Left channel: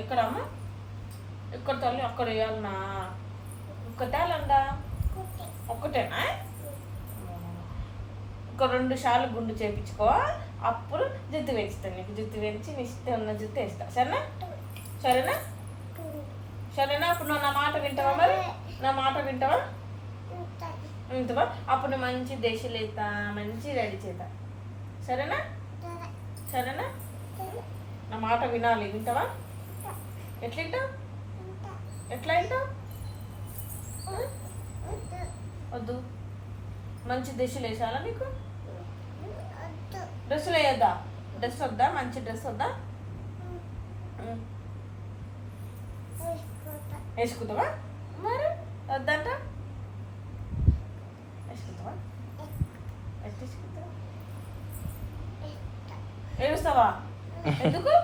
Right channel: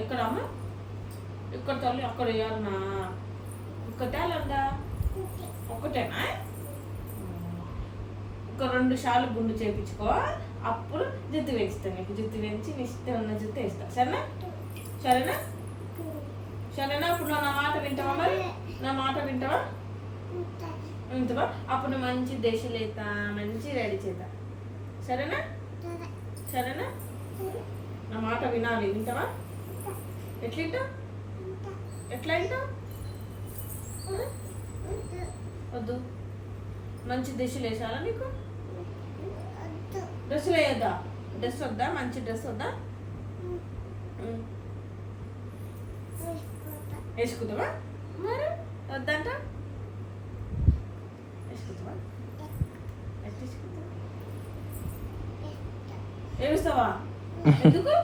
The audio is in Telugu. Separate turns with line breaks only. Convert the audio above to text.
ఎక్కడమ్మా? ఎక్కడ తల్లి? అక్కడ వేయాలన్నా ఒక్కటేలండా ఒక్కటేనా? ఒక రెండు సార్లు గుండు చేపించుకో. అప్పుడు జుత్తు పెంచుతాను నీకు. జుత్తు పెంచి నీ ఇష్టం ఉన్న జుత్తు వేస్తా. సరేనా? సరేనా? సరేనా? అప్పుడు నా మాట వింటావా మరి? నా మాట వింటావా? ఇంతవా అప్పుడు మంచి దేశలేత మంచి రెడీ చేత. సరేనా? సరేనా? నా మాట వినాలి. వింటావా? ఎట్లా ఎట్లా వింటావు వద్దు. మంచి డ్రెస్సులు వేసాలా నీకు? డ్రెస్సులు వేయొద్దా? డ్రెస్ వద్దా? మంచి డ్రెస్ వద్దా? ఉమ్. వేసుకుంటావా మరి? వద్దంట? వేసుకుంటావా? ఎట్లా ఏడుస్తావా? ఎందుకు?